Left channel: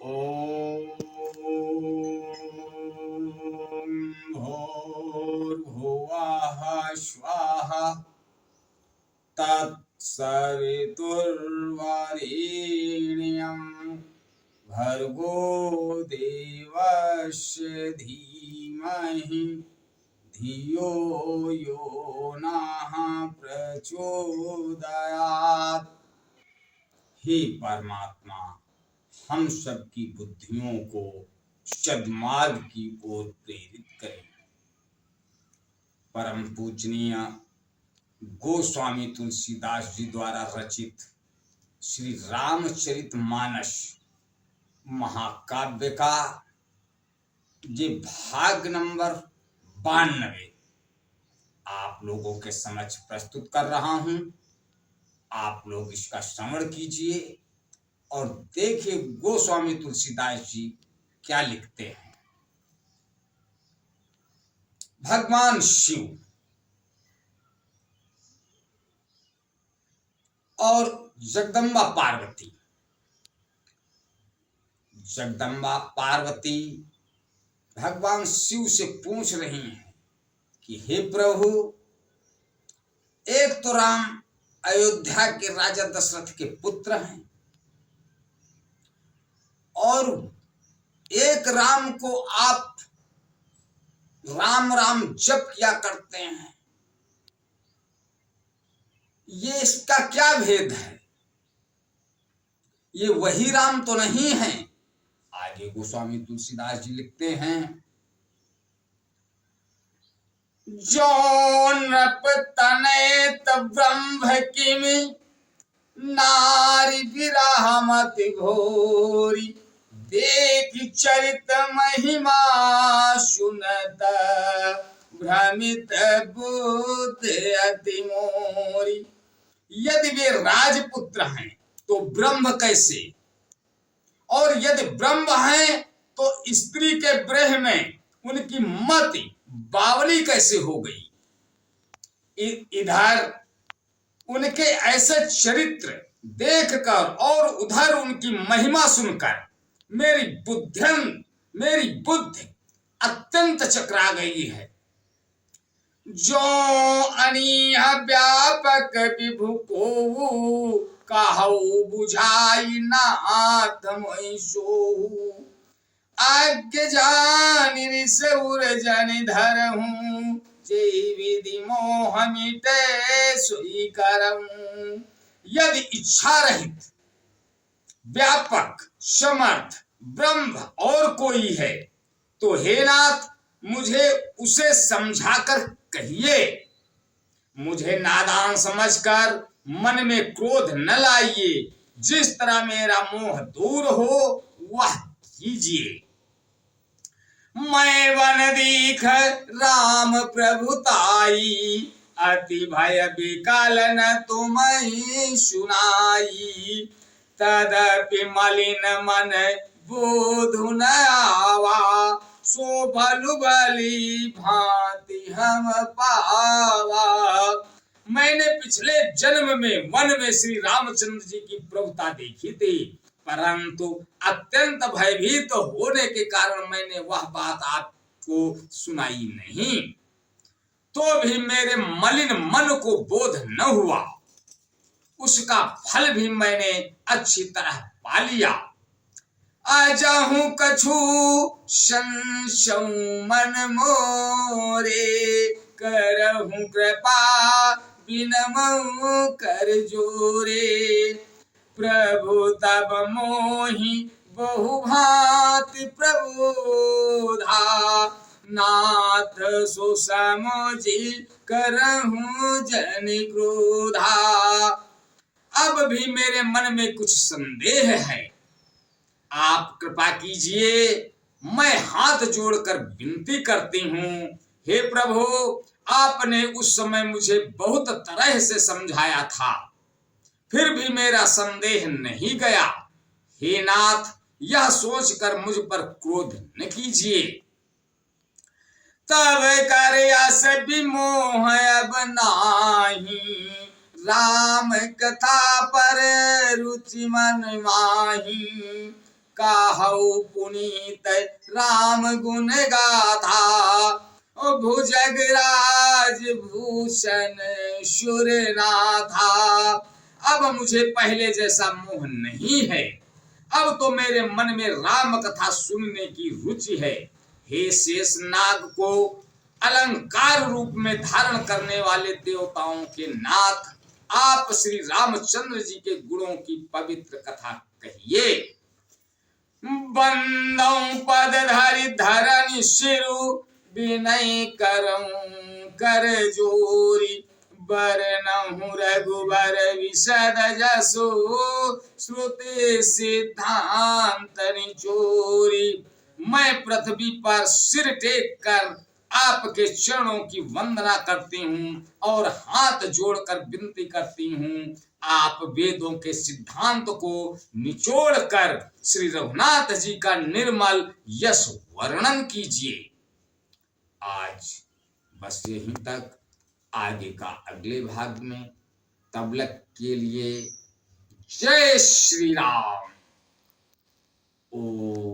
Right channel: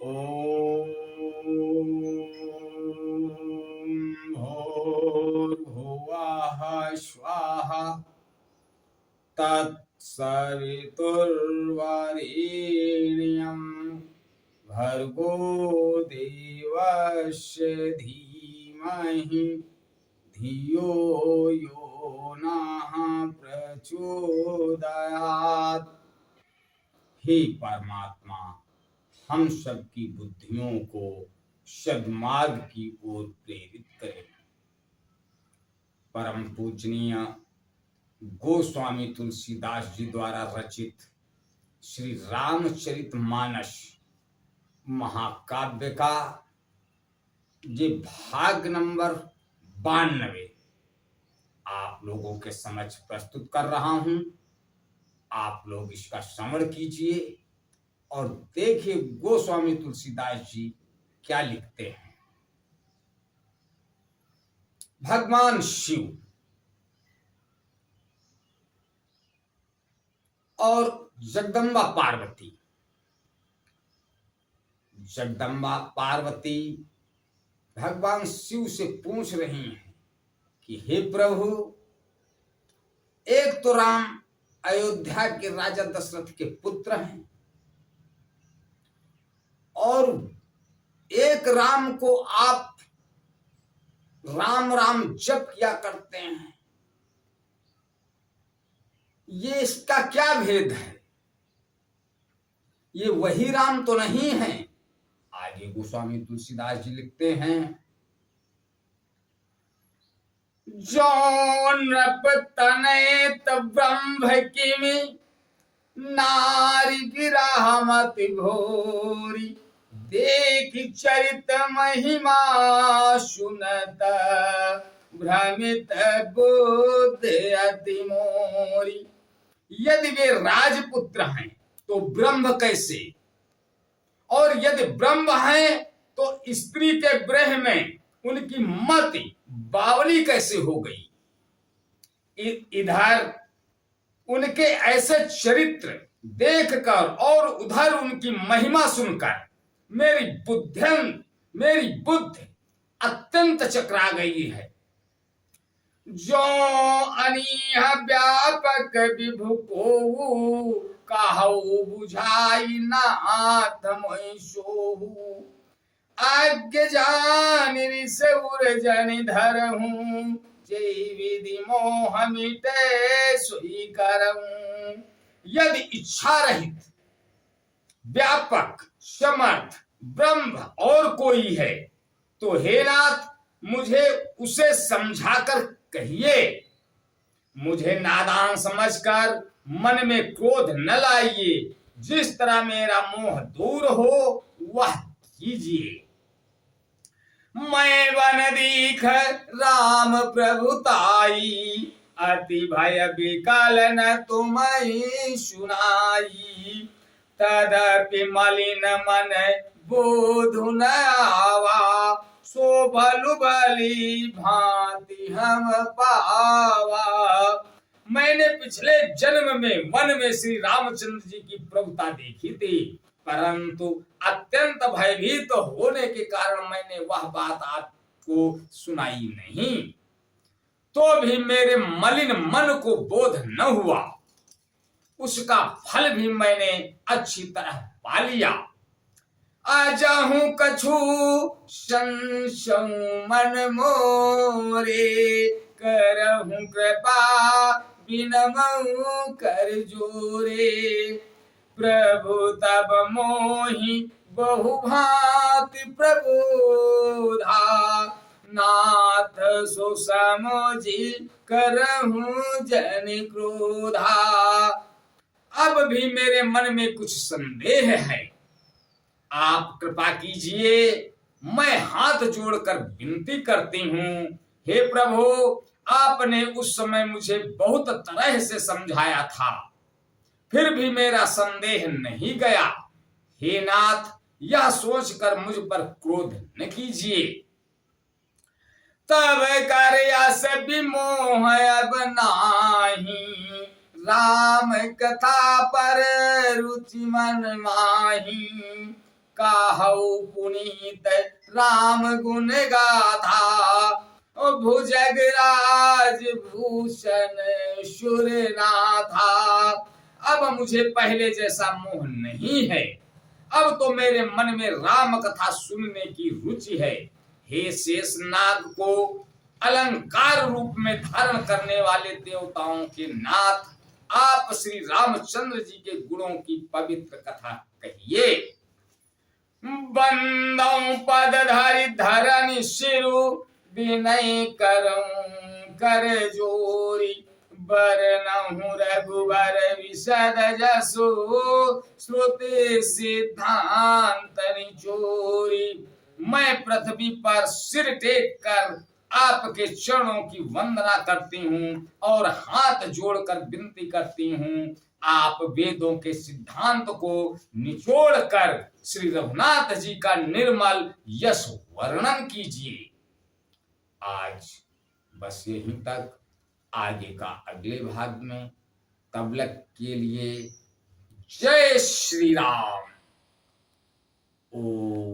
ॐ भूर्भुवः स्वः तत्सवितुर्वरेण्यं भर्गो देवस्य धीमहि धियो यो नः प्रचोदयात्। हे परमात्मा, हम सबकी बुद्धियों को सद्मार्ग की ओर प्रेरित करें। परम पूजनीय गोस्वामी तुलसीदास जी द्वारा रचित श्री रामचरितमानस महाकाव्य का ये भाग नंबर 92 आप लोगों के समक्ष प्रस्तुत कर रहा हूं। आप लोग इसका श्रवण कीजिए और देखिए गोस्वामी तुलसीदास जी क्या लिखते हैं। भगवान शिव और जगदम्बा पार्वती। जगदम्बा पार्वती भगवान शिव से पूछ रही हैं कि हे प्रभु, एक तो राम अयोध्या के राजा दशरथ के पुत्र हैं और एक राम को आप राम राम जप किया करते हैं, ये इसका क्या भेद है? ये वही राम तो नहीं है। आगे गोस्वामी तुलसीदास जी लिखते हैं, जो नृप तनयत ब्रह्म किमि नारी विरामति घोरी देख चरित महिमा सुनत भ्रमित बुद्ध अति मोरी। यदि वे राजपुत्र हैं तो ब्रह्म कैसे, और यदि ब्रह्म हैं तो स्त्री के ब्रह में उनकी मति बावली कैसे हो गई। इधर उनके ऐसे चरित्र देखकर और उधर उनकी महिमा सुनकर मेरी बुद्धि अत्यंत चकरा गई है। जो अनीह व्यापक विभु को कहु बुझाई नाथ मोहि सोहु आज्ञ जान ऋषुर जन धरहूं जे विधि मोह मिटे सोई करऊं। यदि इच्छा रहित व्यापक समर्थ ब्रह्म और कोई है तो हे नाथ मुझे उसे समझाकर कहिए। मुझे नादान समझकर मन में क्रोध न लाइए। जिस तरह मेरा मोह दूर हो वह कीजिए। मैं वन दीख राम प्रभुताई अति भय विकल न तुम्हें सुनाई। तदपि मलिन मन बोधु न आवा सो भलु भली भांति हम पावा। मैंने पिछले जन्म में वन में श्री रामचंद्र जी की प्रभुता देखी थी, परंतु अत्यंत भयभीत होने के कारण मैंने वह बात आपको सुनाई नहीं। तो भी मेरे मलिन मन को बोध न हुआ, उसका फल भी मैंने अच्छी तरह पा लिया। आजाहू कछु संशय मन मोरे करहूं कृपा बिनमऊ कर जोरे। प्रभु तब मोहि बहु भांति प्रबोधा नाथ सो समझी करहूं जन क्रोधा। अब भी मेरे मन में कुछ संदेह है, आप कृपा कीजिए। मैं हाथ जोड़कर विनती करती हूँ, हे प्रभु, आपने उस समय मुझे बहुत तरह से समझाया था, फिर भी मेरा संदेह नहीं गया। हे नाथ, यह सोचकर मुझ पर क्रोध न कीजिए। तब कर यस विमोह अब नाही राम कथा पर रुचि मन माही। काहू पुनीत राम गुण गाथा। भुजगराज भूषण सुरनाथा। अब मुझे पहले जैसा मोह नहीं है, अब तो मेरे मन में राम कथा सुनने की रुचि है। हे शेषनाग को अलंकार रूप में धारण करने वाले देवताओं के नाथ, आप श्री रामचंद्र जी के गुणों की पवित्र कथा कहिए। बंदौ पद धरि धरनि सिरु विनय करऊं कर जोरी। बरनहु रघुबर विशद जसु श्रुति सिद्धांत निचोरी। मैं पृथ्वी पर सिर टेक कर आपके चरणों की वंदना करती हूँ और हाथ जोड़कर विनती करती हूँ, आप वेदों के सिद्धांत को निचोड़कर श्री रघुनाथ जी का निर्मल यश वर्णन कीजिए। आज बस यहीं तक, आगे का अगले भाग में। तब तक के लिए जय श्री राम। ओ